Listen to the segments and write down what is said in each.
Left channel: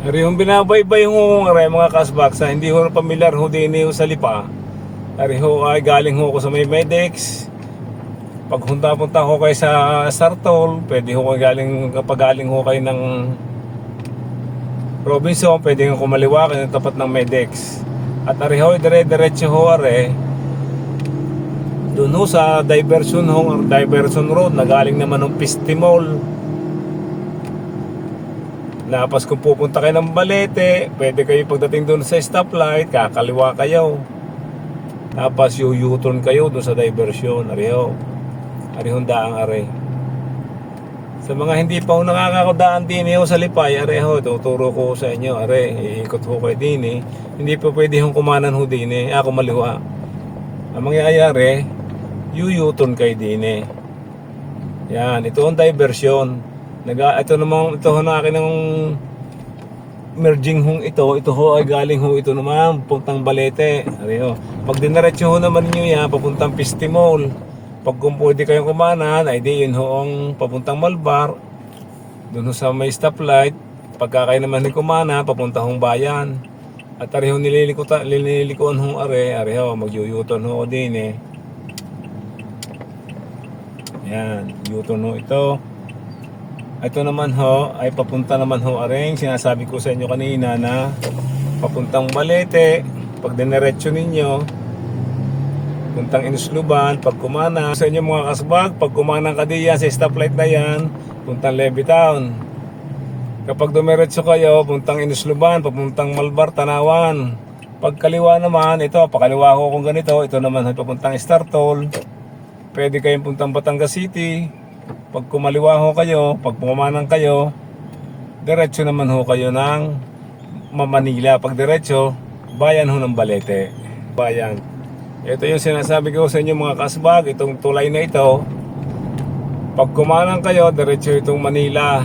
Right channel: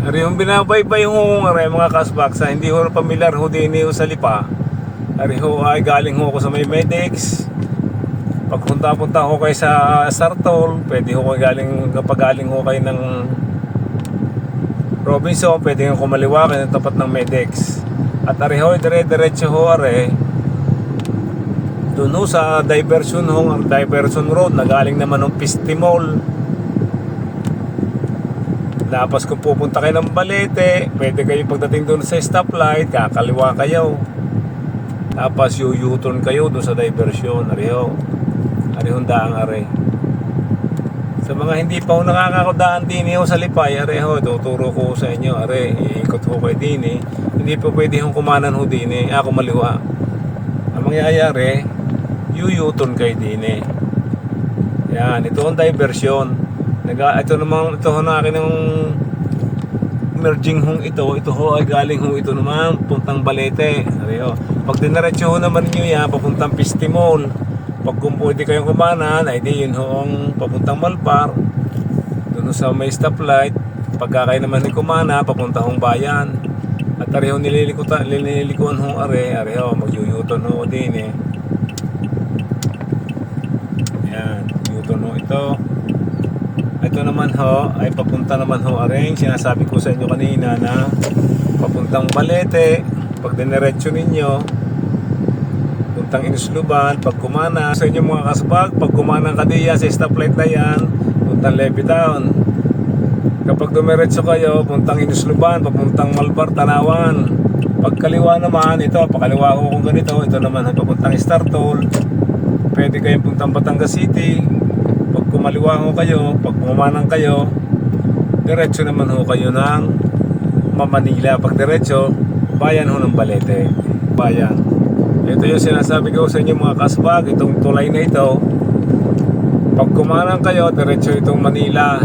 Ari yung binabaybay ho ng mga kasbak sa hindi na pamilyar ho din ho sa lipa. Ari ho ay galing ho ko sa may Medex. Pag punta-punta ho kayo sa Sartol, pwede ho kayo galing, kapag galing ho kayo ng Robinson, pwede ho kumaliwa kayo tapat ng Medex. At ari ho, dire-diretso ho are, doon ho sa diversion ho, diversion road na galing naman ng Pistimol. Lapas kung pupunta kayo ng Balete, pwede kayo pagdating doon sa stoplight, kakaliwa kayo. Tapos yu-U-turn kayo doon sa diversion, ariho. Arihong daang are. Sa mga hindi pa ho nakakakadaan din ho sa Lipay, areho, tuturo ko sa inyo, are, iikot ho kayo din eh. Hindi pa pwede hong kumanan ho din eh, ako maliwa. Ang mangyayari, yu-U-turn kayo din eh. Yan, ito ang diversion. Naga, ito naman, ito ho na akin ng merging hong ito, ito ho ay galing ho ito naman, puntang Balete. Ariho. Pag dinaretso ho naman nyo yan, papuntang Pistimol. Pag kung pwede kayong kumanan, ay di yun ho ang papuntang Malbar. Doon ho sa may stoplight. Pagka kayo naman ni kumana, papunta hong bayan. At ariho nililikutan, nililikuan hong are, ariho, magyuyuton ho din eh. Yan, yuton ho ito. Ito naman ho, ay papunta naman ho aring sinasabi ko sa inyo kanina na papuntang Balete, pag diniretso ninyo, puntang Inusluban, pag kumana, sa inyo mga kasbag, pag kumana ka diyan sa stoplight na yan, puntang Levy Town. Kapag dumiretso kayo, puntang Inusluban, papuntang Malbar, Tanawan. Pag kaliwa naman, ito, pakaliwa ko kung ganito, ito naman papuntang Startol. Pwede kayong puntang Batangas City, kumaliwa ho kayo, pag pumamanang kayo, diretso naman ho kayo ng Mamanila. Pag diretso, bayan ho ng Balete. Bayan. Ito yung sinasabi ko sa inyo mga kasbag, itong tulay na ito. Pag kumanang kayo, diretso itong Manila.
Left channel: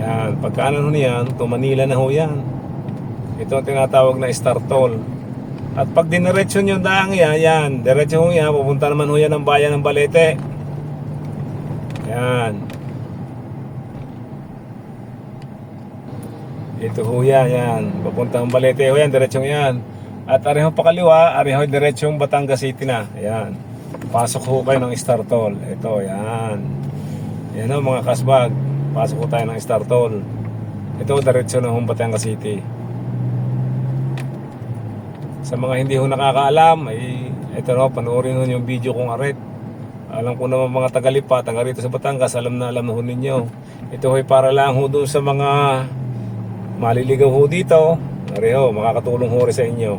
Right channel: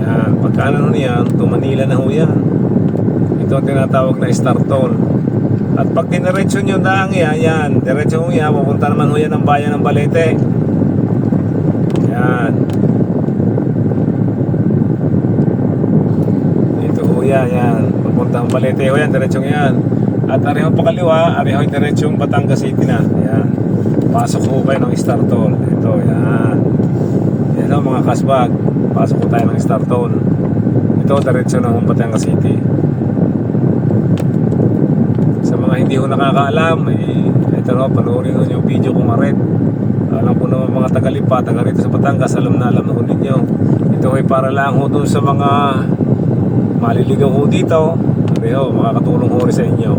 Yan. Pagkaanan ho niyan, itong Manila na ho yan. Ito ang tinatawag na Startol. At pag diniretso nyo daang yan, yan, diretso ho yan, pupunta naman ho yan ng bayan ng Balete. Yan. Ito ho yan, yan. Papuntang Balete ho yan, diretsong yan. At arihong pakaliwa, arihong diretsong Batangas City na. Yan. Pasok ho kayo ng Startol. Ito, yan. Yan ho mga kasbag. Pasok ho tayo ng Startol. Ito, diretso na hong Batangas City. Sa mga hindi ho nakakaalam, eh, ito ho, panoorin ho yung video kong aret. Alam ko naman mga tagalipa, taga rito sa Batangas, alam na alam na ho ninyo. Ito ay para lang ho dun sa mga maliligaw ho dito. Pareho, makakatulong ho rin sa inyo.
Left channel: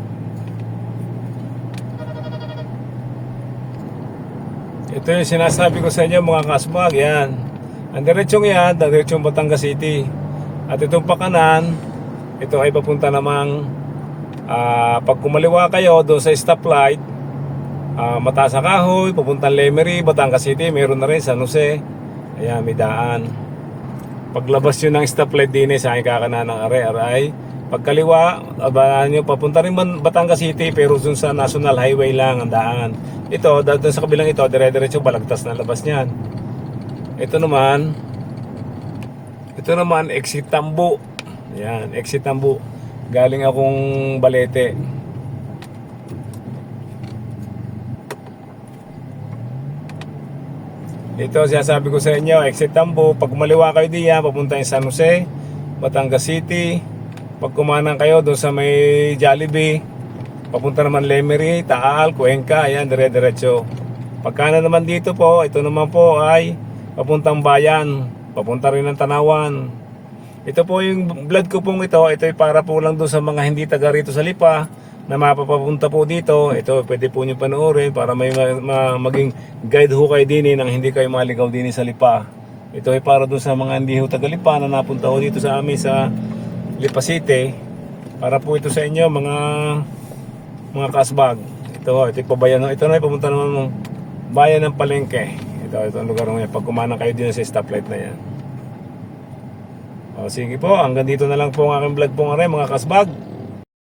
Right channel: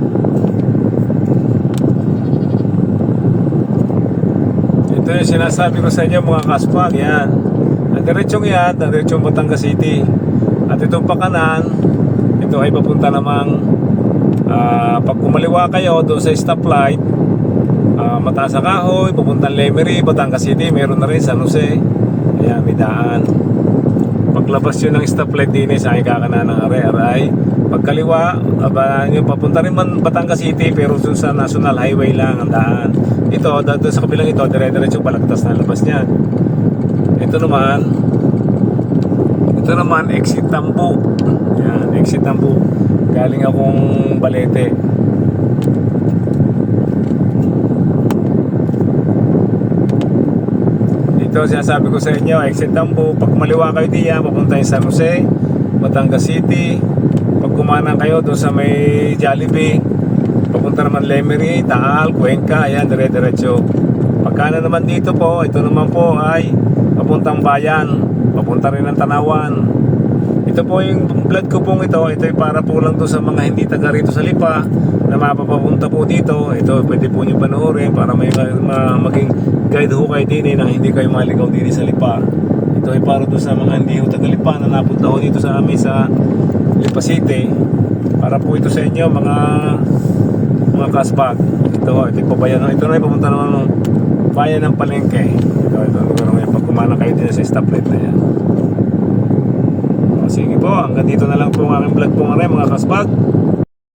Ito yung sinasabi ko sa inyo mga kaspag, yan. Ang diretsong yan, ang diretsong Batangas City. At itong pakanan, ito ay papunta namang ah, pag kumaliwa kayo doon sa stoplight, Ah, mataas sa kahoy, pupuntang Lemery, Batangas City, meron na rin San Jose. Ayan, may daan. Paglabas yun ng stoplight din eh, sa aking kakanan ng Are-Aray. Pagkaliwa, abangan nyo, papunta rin man Batangas City, pero dun sa National Highway lang ang daan. Ito, dito sa kabilang ito, dire-diretso palagtas na labas niyan. Ito naman, ito naman, exit Tambo. Yan, exit Tambo. Galing akong Balete. Ito sinasabi ko sa inyo, exit Tambo, pag maliwa kayo diyan, papunta yung San Jose, Batangas City. Pag kumanan kayo doon sa may Jollibee, papunta naman Lemery, Taal, Cuenca, ayan, dire-diretso. Pagkana naman dito po, ito naman po ay papuntang bayan, papunta rin ng Tanawan. Ito po yung vlog ko pong ito, ito ay para po lang doon sa mga hindi taga rito sa Lipa na mapapapunta po dito. Ito pwede po nyo panoorin para may ma- ma- maging guide ho kayo din eh, nang hindi kayo maligaw din sa Lipa. Ito ay para doon sa mga hindi ho taga Lipa na napunta ho dito sa amin sa Lipa City. Para po ito sa inyo mga mga kasbag. Ito, ito yung pabayan. Ito na yung naman ng bayan ng Palengke. Ito, ito lugar ng pag kumana kayo din sa stoplight na yan. Sige po, hanggang dito na lang po ang aking vlog po nga rin mga kasbag.